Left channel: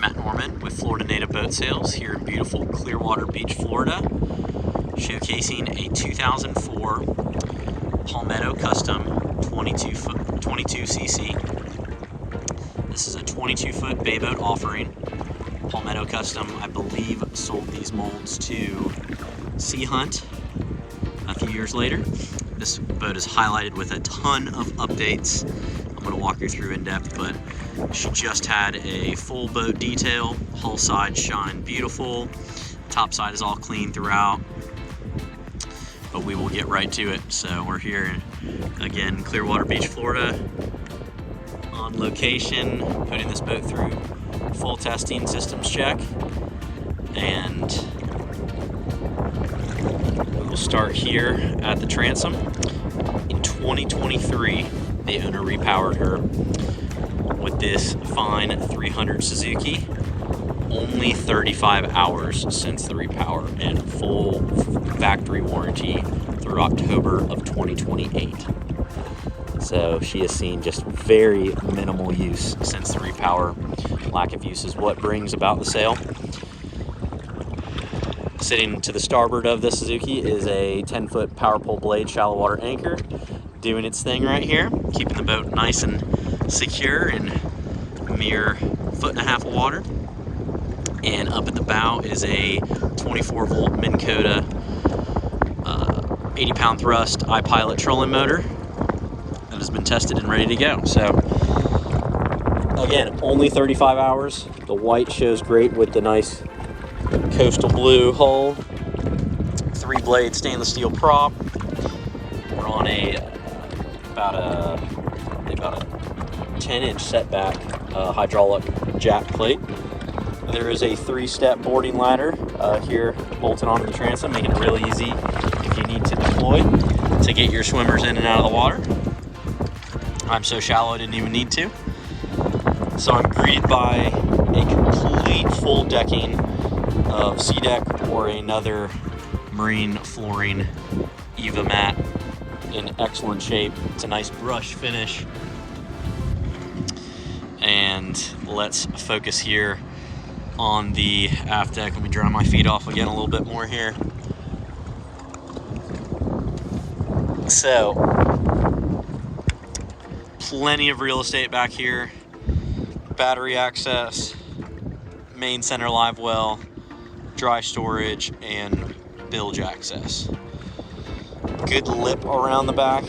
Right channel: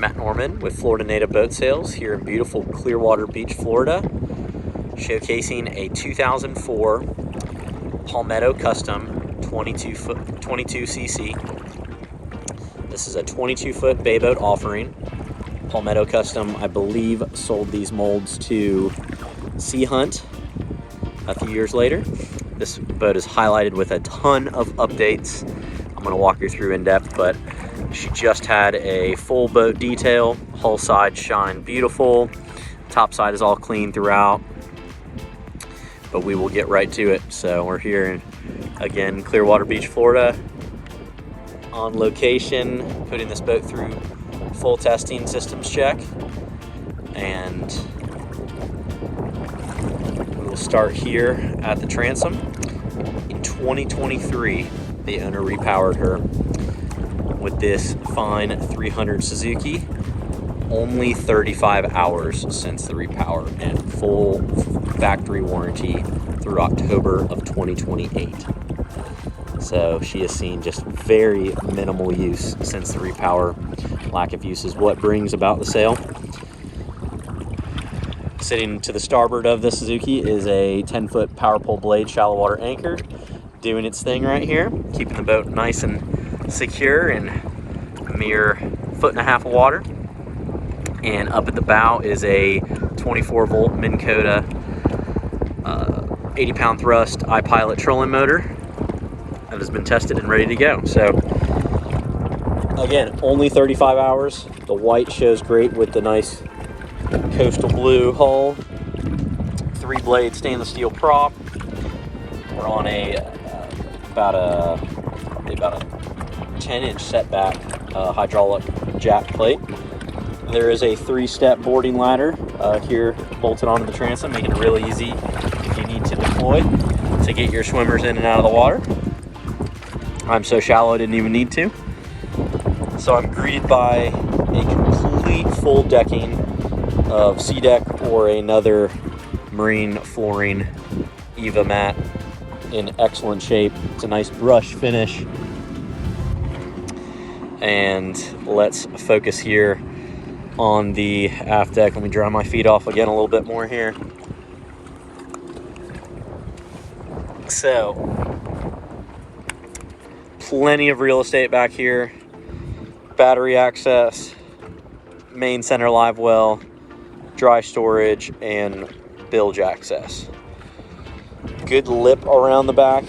Matt Norman with Florida Native Boat Sales here in beautiful Clearwater Beach, Florida, showcasing a 2004 Palmetto Custom 22cc. This is a 22-foot bay boat offering. Palmetto Custom, I believe, sold these molds to Sea Hunt a few years later. This boat is highlighted with a ton of updates. I'm going to walk you through in depth, but she just had a full boat detail. Hull side shine beautiful. Top side is all clean throughout. But we will get right to it. So we're here in, again, Clearwater Beach, Florida, on location, putting this boat through full testing systems check. And we will start here at the transom. In 2023, the owner repowered her with this fine 300 Suzuki. Only 35 hours since the repower and full factory warranty through October of 2028. So she has seen just very minimal use since the repower. Lack of use is what brings about the sale. Sitting to the starboard of the Suzuki is a 10-foot power pole blade shallow water anchor doing its thing right here, keeping the boat nice and secure in a mere 1.5 feet of water. And up at the bow is a 24-volt Minn Kota 80-pound thrust iPilot trolling motor that has been tested and ready to go. So again, only 35 hours. The white shows great with the nice coastal blue hull. 3-blade stainless steel prop. We're on about a 10-inch setback hydraulic jack plate. There is a 3-step boarding ladder here bolted onto the transom, making it really easy if you need to deploy to get your swimmers in and out of the water. I'm so shallow I didn't even need to. So I'm greeted by a complete full decking of Sea Deck or another marine flooring Eva mat in excellent shape. It's a nice brush finish. And let's focus here on the aft deck. Let me dry my feet off again a little bit more here. So, plenty of real estate back here. Battery access, main center live well, dry storage, and bilge access. Good lip around the back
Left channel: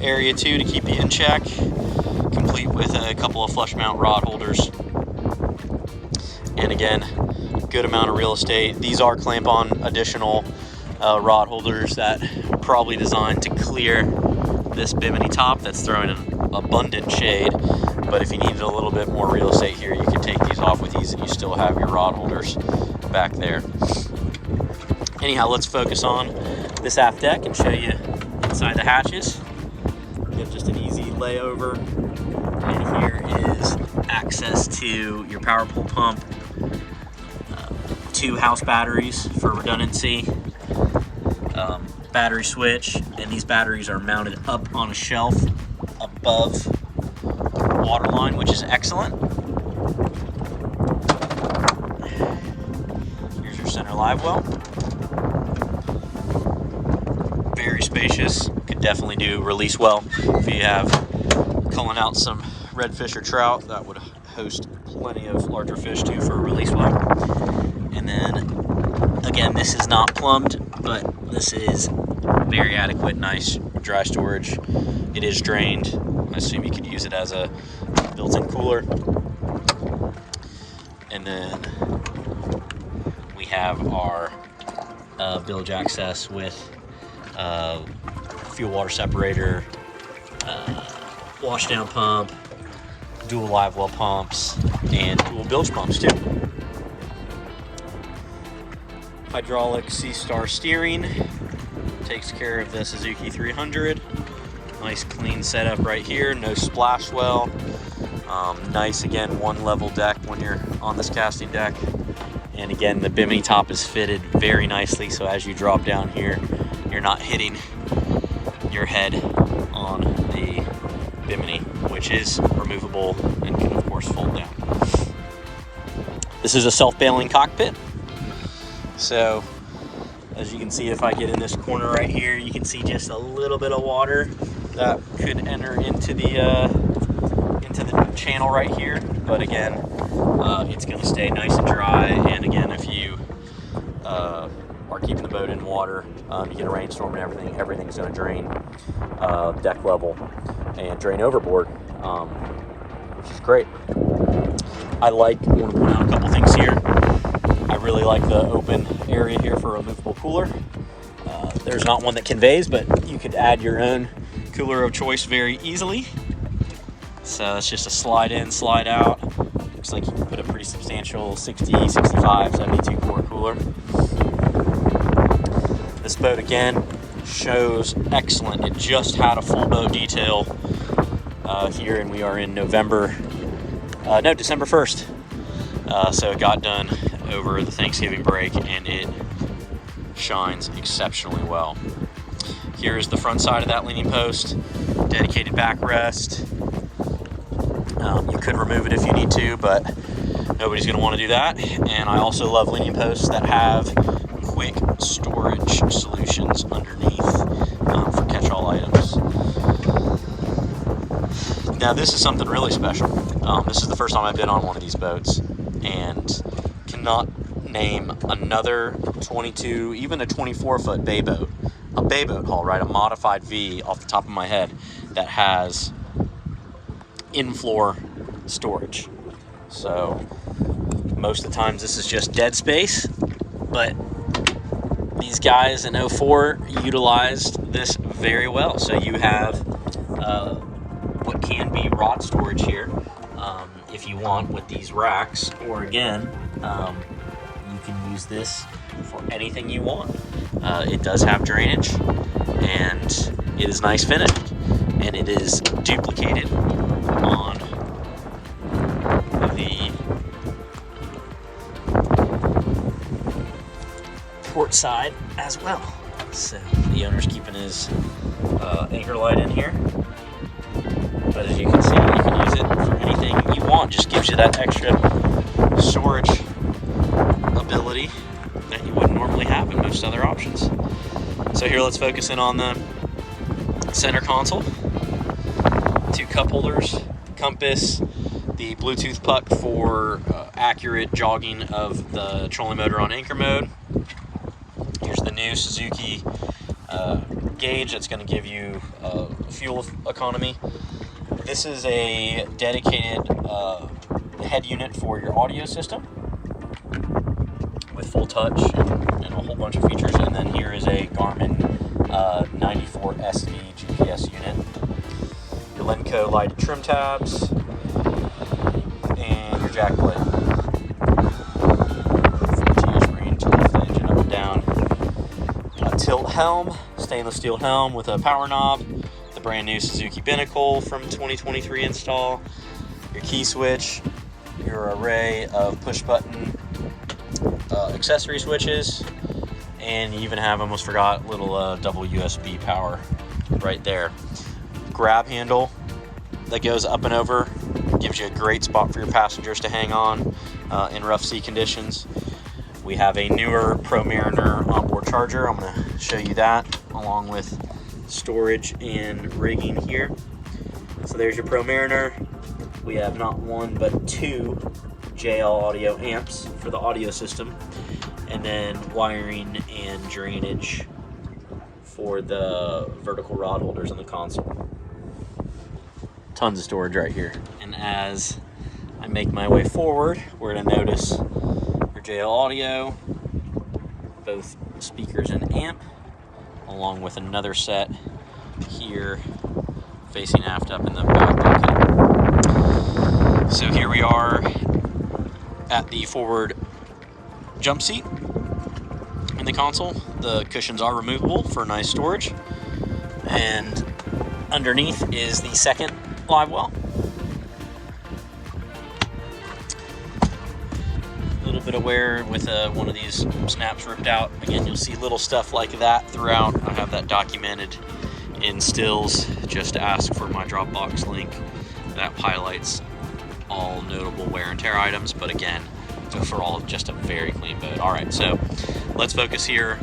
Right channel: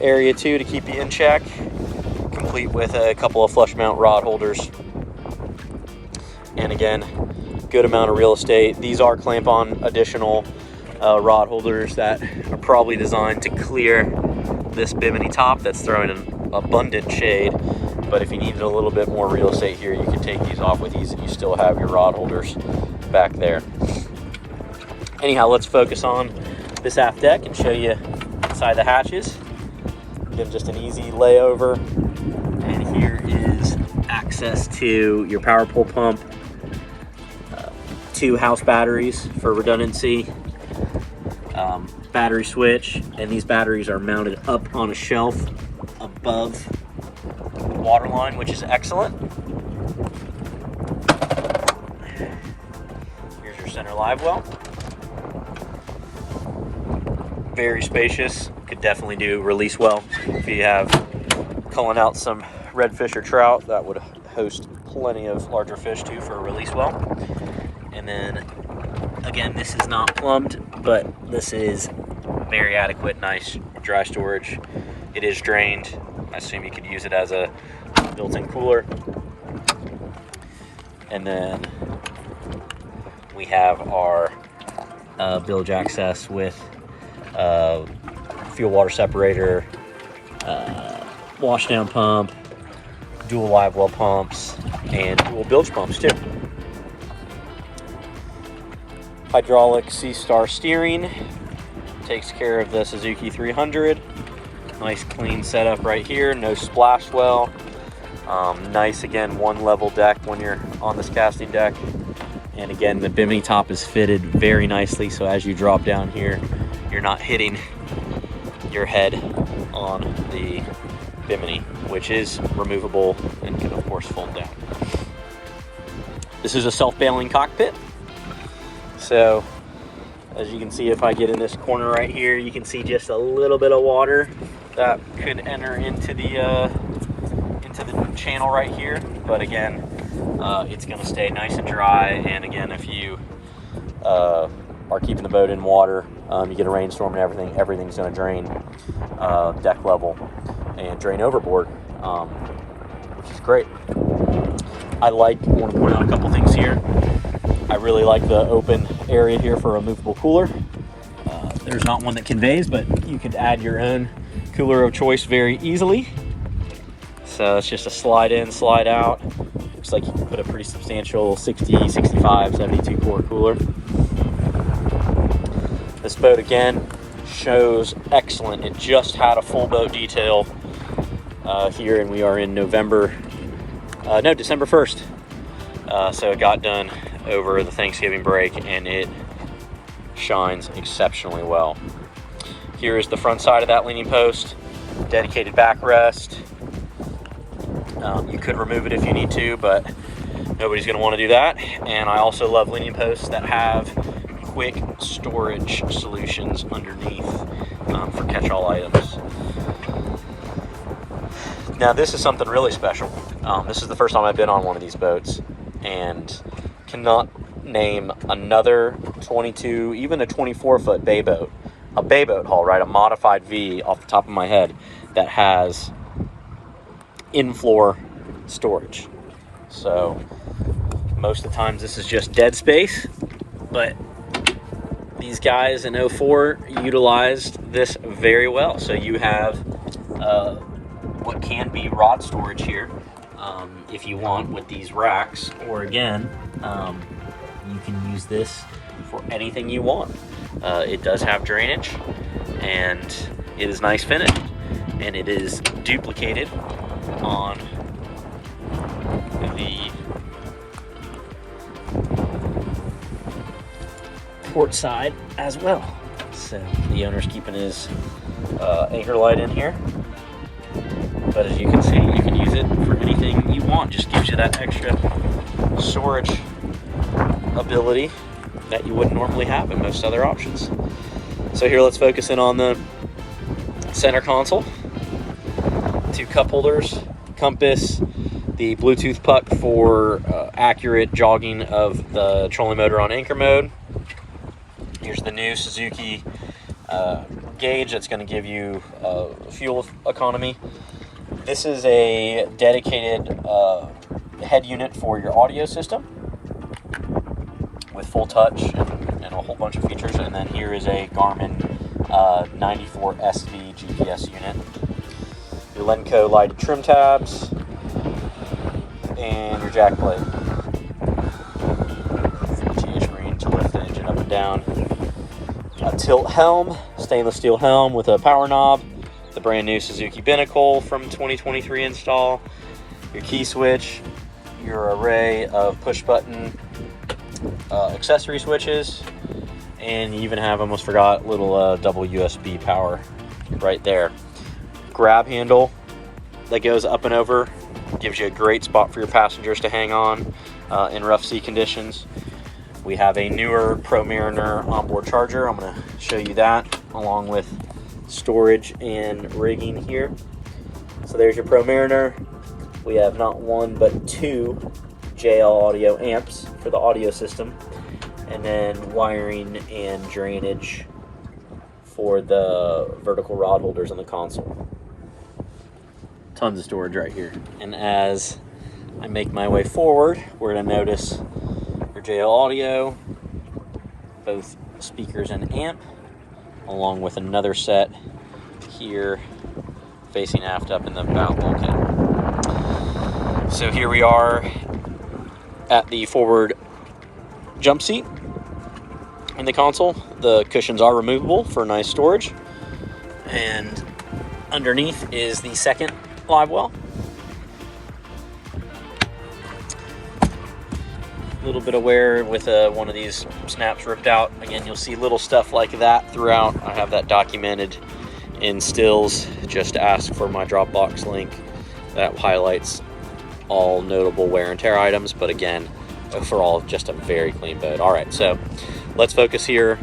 area too to keep you in check, complete with a couple of flush mount rod holders. And again, good amount of real estate. These are clamp on additional rod holders that are probably designed to clear this bimini top that's throwing an abundant shade. But if you needed a little bit more real estate here, you could take these off with ease and you still have your rod holders back there. Anyhow, let's focus on this aft deck and show you inside the hatches. Again, just an easy layover. And here is access to your power pole pump, 2 house batteries for redundancy, battery switch, and these batteries are mounted up on a shelf above water line, which is excellent. Here's your center live well. Very spacious. Could definitely do release well if you have culling out some redfish or trout. That would host plenty of larger fish too for a release well. And then again, this is not plumbed, but this is very adequate, nice dry storage. It is drained. I assume you could use it as a built-in cooler. And then we have our bilge access with fuel water separator, washdown pump, dual live well pumps, and dual bilge pumps too. Hydraulic C-Star steering takes care of the Suzuki 300. Nice clean setup right here, no splash well. Nice, again, 1-level deck when you're on this casting deck. And again, the bimini top is fitted very nicely, so as you drop down here, you're not hitting your head on the bimini, which is removable and can of course fold down. This is a self-bailing cockpit. So as you can see, if I get in this corner right here, you can see just a little bit of water that could enter into the channel right here. But again, it's going to stay nice and dry. And again, if you are keeping the boat in water, you get a rainstorm and everything's going to drain deck level and drain overboard, which is great. I want to point out a couple things here. I really like the open area here for a movable cooler. There's not one that conveys, but you could add your own cooler of choice very easily. So it's just a slide in, slide out. Looks like you can put a pretty substantial 60, 65, 72 quart cooler. This boat again shows excellent. It just had a full boat detail here, and we are in December 1st. So it got done over the Thanksgiving break, and it shines exceptionally well. Here is the front side of that leaning post, dedicated backrest. You could remove it if you need to, but nobody's going to want to do that. And I also love leaning posts that have quick storage solutions underneath for catch-all items. Now this is something really special. This is the first time I've been on one of these boats, and cannot name another 22, even a 24-foot bay boat, a bay boat hull, right? A modified V off the top of my head that has in-floor storage. So most of the times this is just dead space, but these guys in 04 utilized this very well. So you have what can be rod storage here if you want with these racks, or again, you can use this for anything you want. It does have drainage, and it is nice finished, and it is duplicated on the port side as well. So the owner's keeping his anchor light in here, but as you can see, you can use it for anything you want. Just gives you that extra storage ability that you wouldn't normally have in most other options. So here, let's focus in on the center console. 2 cup holders, compass, the Bluetooth puck for accurate jogging of the trolling motor on anchor mode. Here's the new Suzuki gauge that's going to give you fuel economy. This is a dedicated head unit for your audio system with full touch and a whole bunch of features. And then here is a Garmin 94 SV GPS unit. Your Lenco lighted trim tabs, and your jack plate. GS Marine to lift the engine up and down. A tilt helm, stainless steel helm with a power knob. The brand new Suzuki Binnacle from 2023 install. Your key switch, your array of push button accessory switches, and you even have, almost forgot, little double USB power right there. Grab handle that goes up and over, gives you a great spot for your passengers to hang on in rough sea conditions. We have a newer Pro Mariner onboard charger. I'm going to show you that along with storage and rigging here. So there's your Pro Mariner. We have not one but 2 JL audio amps for the audio system, and then wiring and drainage for the vertical rod holders on the console. Tons of storage right here. And as I make my way forward, we're going to notice your JL audio, both speakers and amp, along with another set here facing aft up in the bow bulkhead. So here we are at the forward jump seat in the console. The cushions are removable for nice storage, and underneath is the second live well. A little bit of wear with one of these snaps ripped out. Again, you'll see little stuff like that throughout. I have that documented in stills. Just ask for my Dropbox link that highlights all notable wear and tear items. But again, overall, just a very clean boat. All right, so let's focus here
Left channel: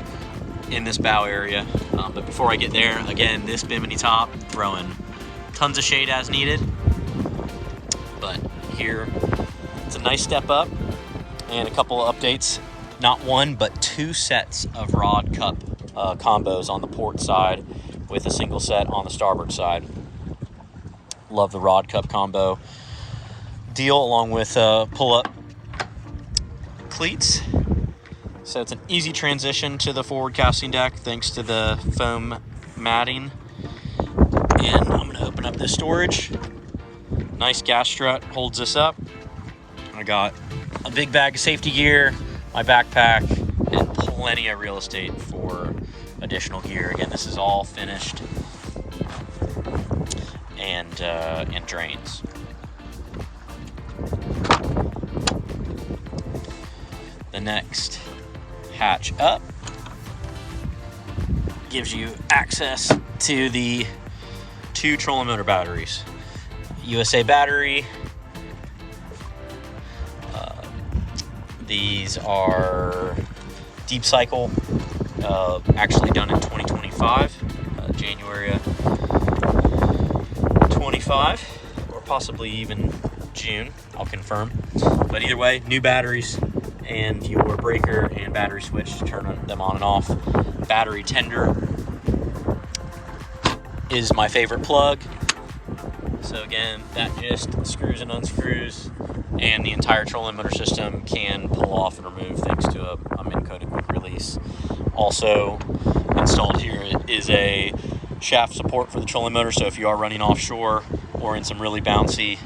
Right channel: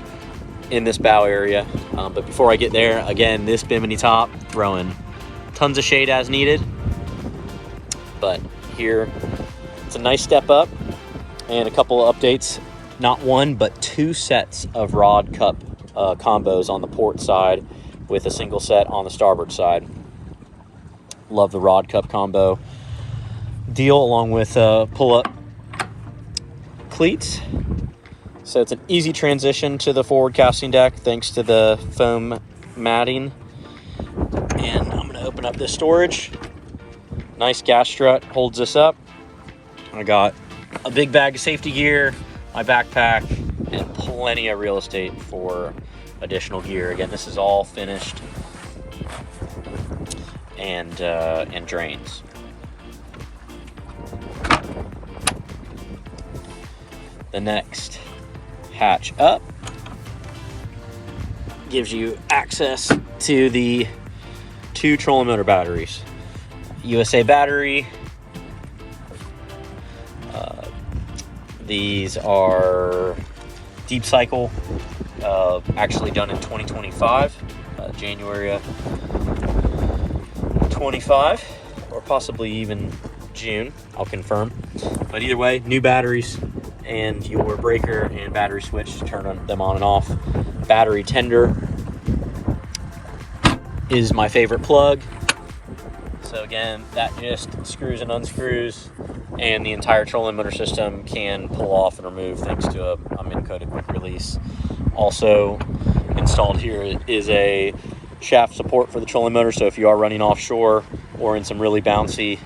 in this bow area. But before I get there, again, this bimini top, throwing tons of shade as needed. But here, it's a nice step up, and a couple of updates. Not one, but 2 sets of rod cup combos on the port side with a single set on the starboard side. Love the rod cup combo deal, along with pull-up cleats. So it's an easy transition to the forward casting deck thanks to the foam matting. And I'm gonna open up this storage. Nice gas strut holds this up. I got a big bag of safety gear, my backpack, and plenty of real estate for additional gear. Again, this is all finished and drains. The next hatch up gives you access to the 2 trolling motor batteries. USA battery. These are deep cycle, actually done in 2025, January 25, or possibly even June, I'll confirm. But either way, new batteries, and your breaker and battery switch to turn them on and off. Battery tender is my favorite plug. So again, that just screws and unscrews, and the entire trolling motor system can pull off and remove thanks to a Minn-coated quick release. Also installed here is a shaft support for the trolling motor, so if you are running offshore or in some really bouncy,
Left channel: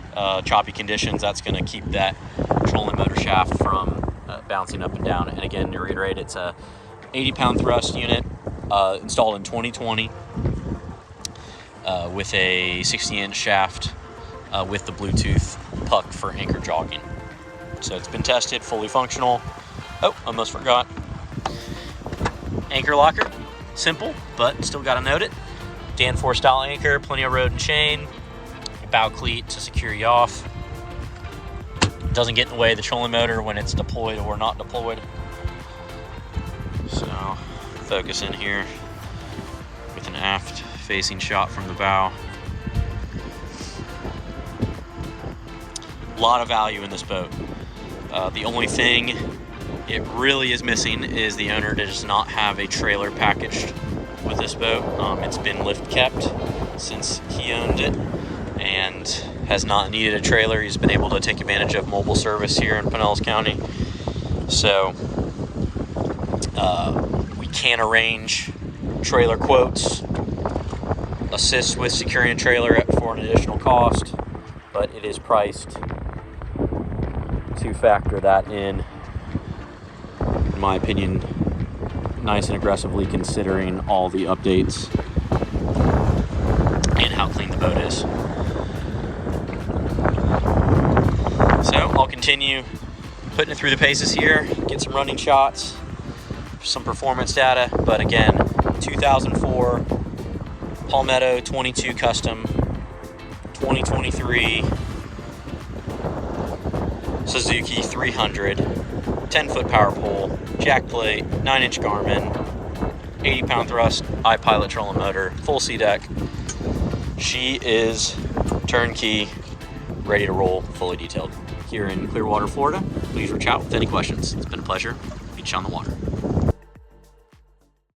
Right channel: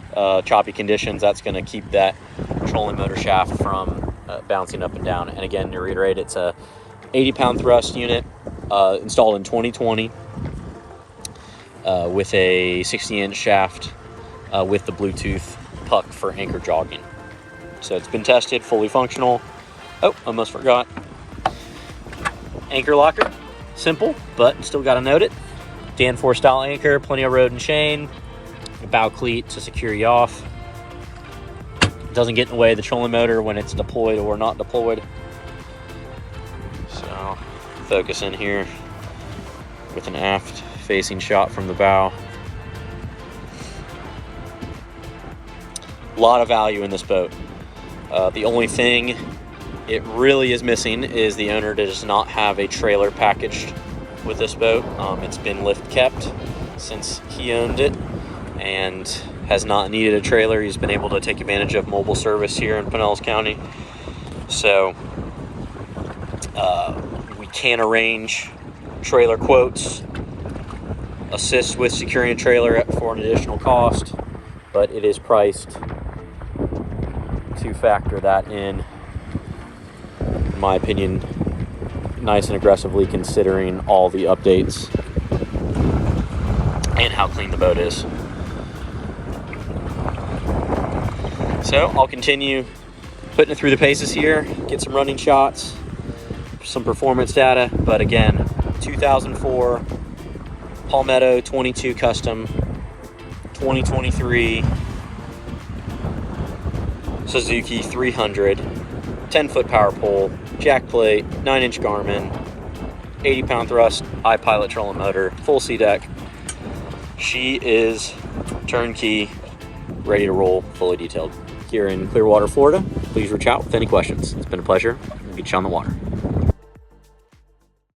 choppy conditions, that's going to keep that trolling motor shaft from bouncing up and down. And again, to reiterate, it's a 80-pound thrust unit installed in 2020 with a 60-inch shaft with the Bluetooth puck for anchor jogging. So it's been tested, fully functional. Oh, almost forgot. Anchor locker, simple, but still got to note it. Danforth style anchor, plenty of rode and chain, a bow cleat to secure you off. Doesn't get in the way of the trolling motor when it's deployed or not deployed. So focus in here with an aft facing shot from the bow. A lot of value in this boat. The only thing it really is missing is the owner does not have a trailer packaged with this boat. It's been lift kept since he owned it and has not needed a trailer. He's been able to take advantage of mobile service here in Pinellas County. So we can arrange trailer quotes, assist with securing a trailer for an additional cost, but it is priced to factor that in my opinion, nice and aggressively, considering all the updates and how clean the boat is. So I'll continue putting it through the paces here, get some running shots, some performance data, but again, 2004 Palmetto 22 Custom, 2023 Suzuki 300, 10-foot power pole, jackplate, 9-inch Garmin, 80-pound thrust, iPilot trolling motor, full C-deck. She is turnkey, ready to roll, fully detailed. Here in Clearwater, Florida, please reach out with any questions. It's been a pleasure. Meet you on the water.